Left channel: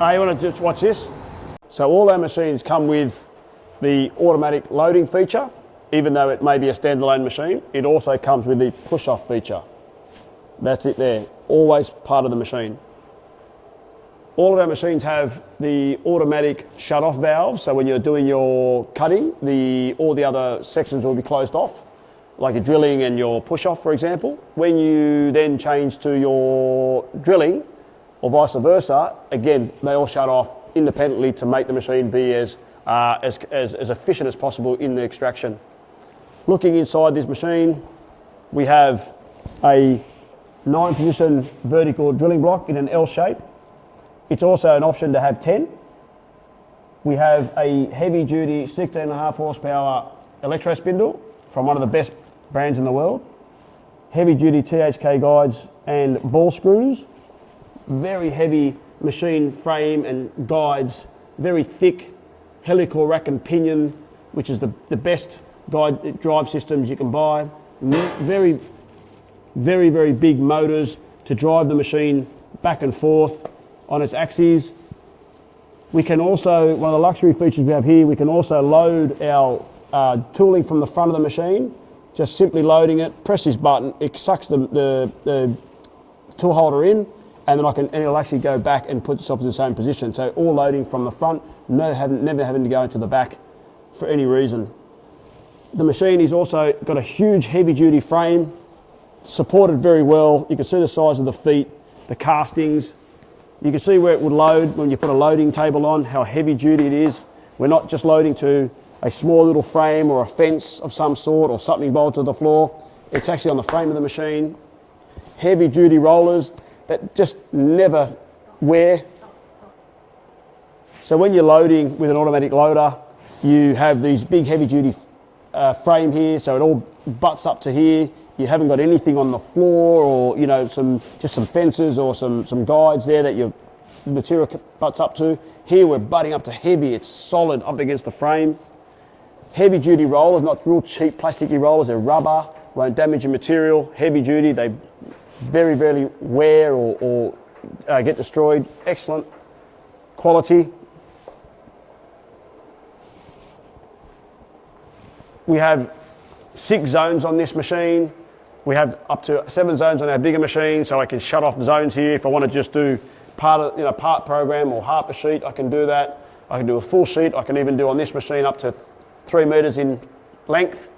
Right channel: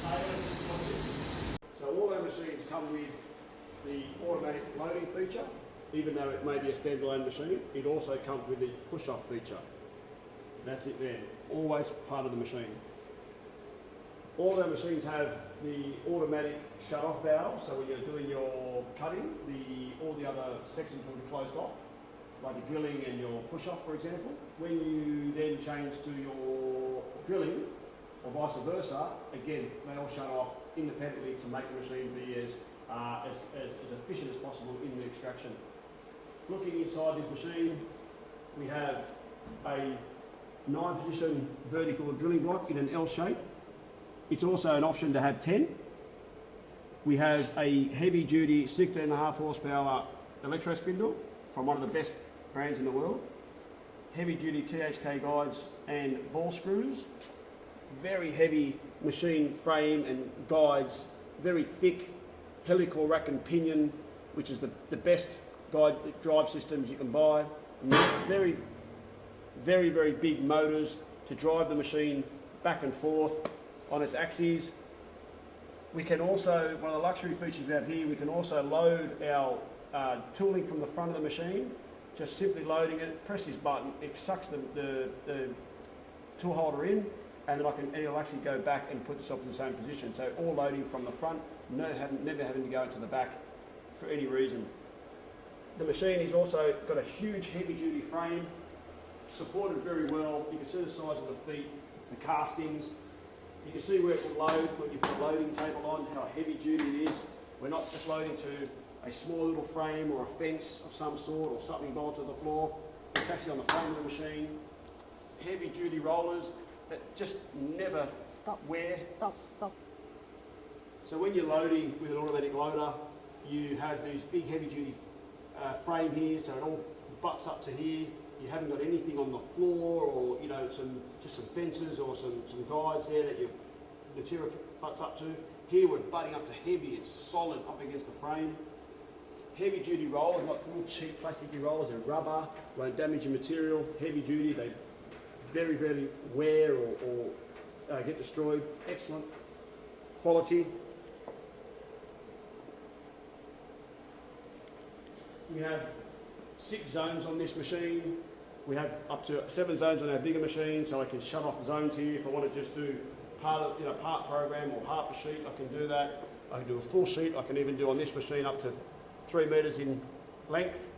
You want to just watch this? So all our machines come with the automatic loading feature. Even though it may be a standalone machine, it also comes with the push-off feature. That's it there, always part of the machine. All of our machines have the automatic shut-off valve, so when you're doing your cutting, all the other sections will be closed off, like your drilling and your push-off, for example. When you then change to your drilling, or vice versa, again, they all shut off independently to make the machine be as efficient as possible in the extraction. Looking inside this machine, we have a 9-position vertical drilling block in an L shape. It's also an option to have 10. We have a heavy-duty 16.5 horsepower electro spindle from one of the best brands in the world. Heavy-duty THK guides and ball screws. Very heavy machine frame and guides. Very thick helical rack and pinion, which is the best guide drive systems you can buy. Very, very, very big motors to drive the machine back and forth on its axes. We can also, one of the luxury features we have here, we can also load our tooling from the front of the machine. Just simply loading it, press this button, it sucks the tool holder in, and then it'll actually go back and put itself in the same position. So all loading from the front, never having to go into the back for any reason. The machine has also got a huge heavy-duty frame, supported very well. You can see the size of the feet, the castings. You can see where it would load when you put a loading table on, how heavy-duty it is. We're not just loading to a small little frame or a fence of some sort or something bolted to the floor. It's actually on the frame of the machine. Heavy-duty rollers that just never wear. So when you're loading with an automatic loader, you have these big heavy-duty frame here, so it all butts up to here. You haven't got anything on the floor, or just some fences or some guides there that your material butts up to. Here we're butting up to heavy. It's solid up against the frame. Heavy duty rollers, not real cheap plasticky rollers. They're rubber, won't damage your material. Heavy duty, they very rarely wear or get destroyed. Excellent quality. We have 6 zones on this machine. We have up to 7 zones on our bigger machine, so I can shut off zones here. If I want to just do part program or half a sheet, I can do that. I can do a full sheet. I can even do on this machine up to 3 meters in length.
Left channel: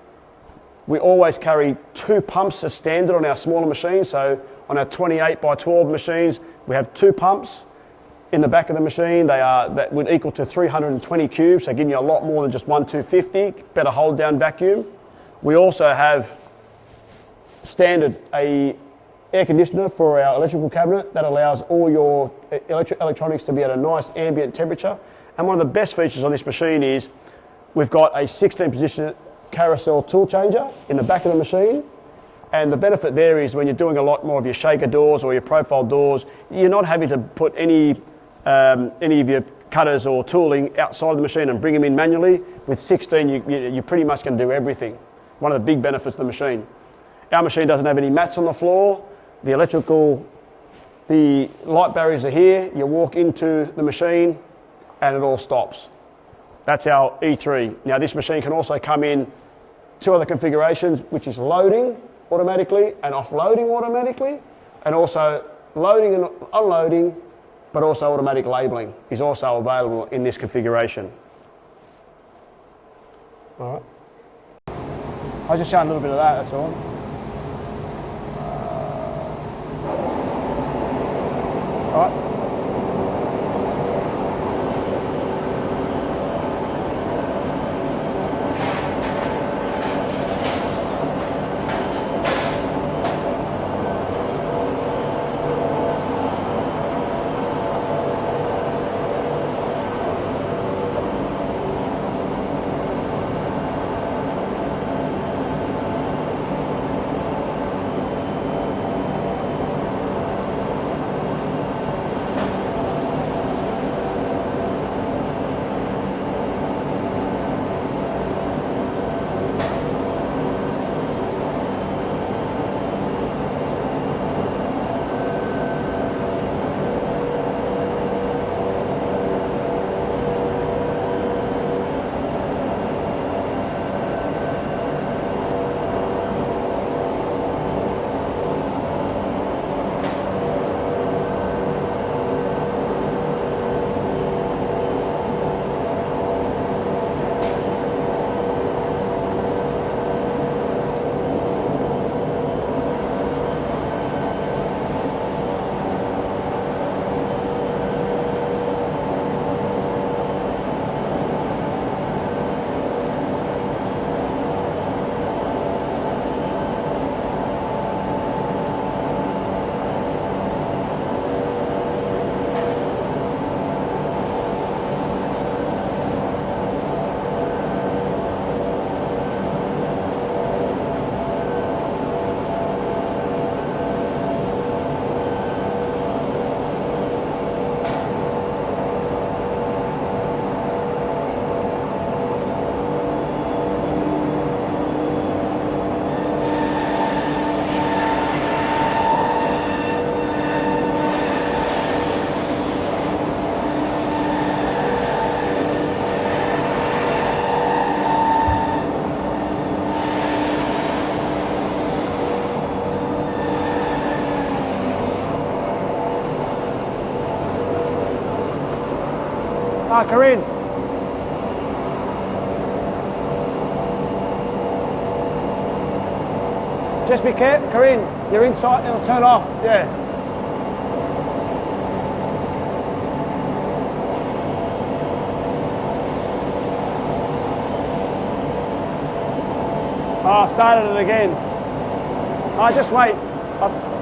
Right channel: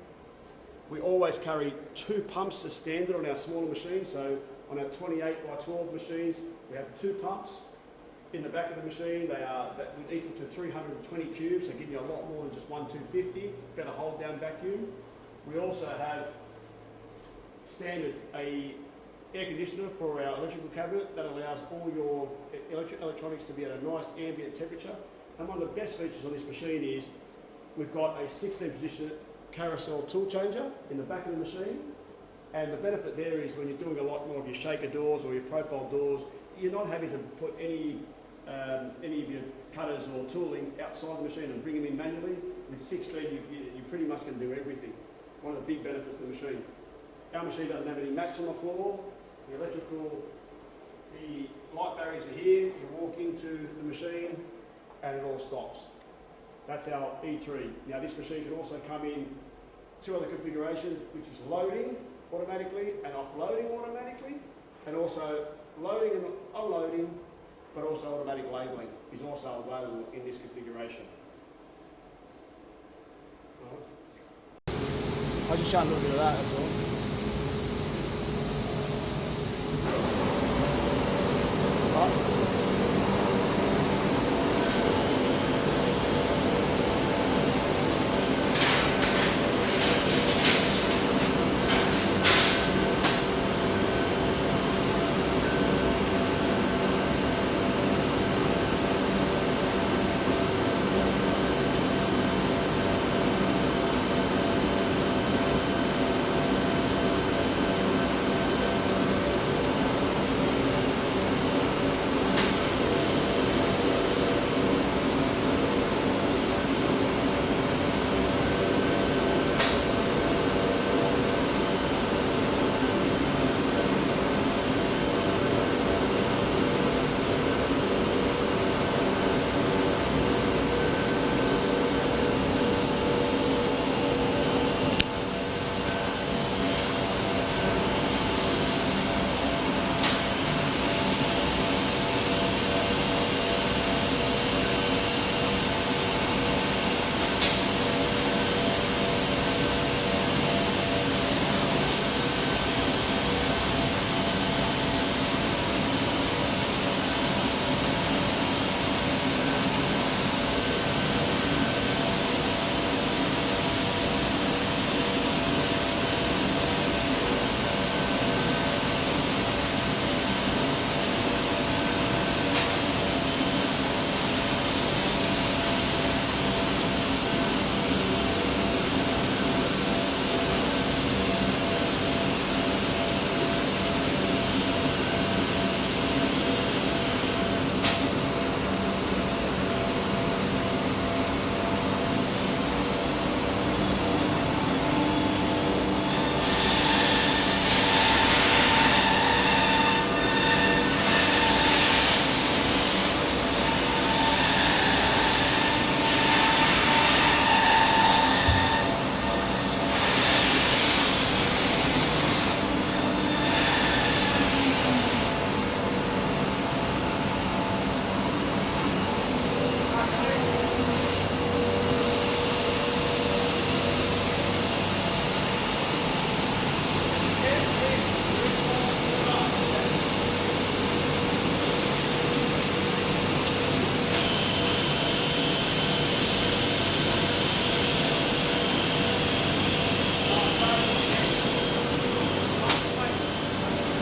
We always carry 2 pumps as standard on our smaller machines. So on our 28 by 12 machines, we have 2 pumps in the back of the machine. That would equal to 320 cubes, so giving you a lot more than just 250, better hold down vacuum. We also have standard a air conditioner for our electrical cabinet that allows all your electronics to be at a nice ambient temperature. And one of the best features on this machine is we've got a 16-position carousel tool changer in the back of the machine. And the benefit there is when you're doing a lot more of your shaker doors or your profile doors, you're not having to put any of your cutters or tooling outside the machine and bring them in manually. With 16, you're pretty much going to do everything. One of the big benefits of the machine. Our machine doesn't have any mats on the floor. The light barriers are here. You walk into the machine and it all stops. That's our E3. Now this machine can also come in 2 other configurations, which is loading automatically and offloading automatically, and also loading and unloading, but also automatic labeling is also available in this configuration. All right. I'll just show a little bit of that, that's all. All right. Kareem. Just be careful, Kareem. You're inside, it'll turn off, yeah. Oh, I started it again. Oh, just wait.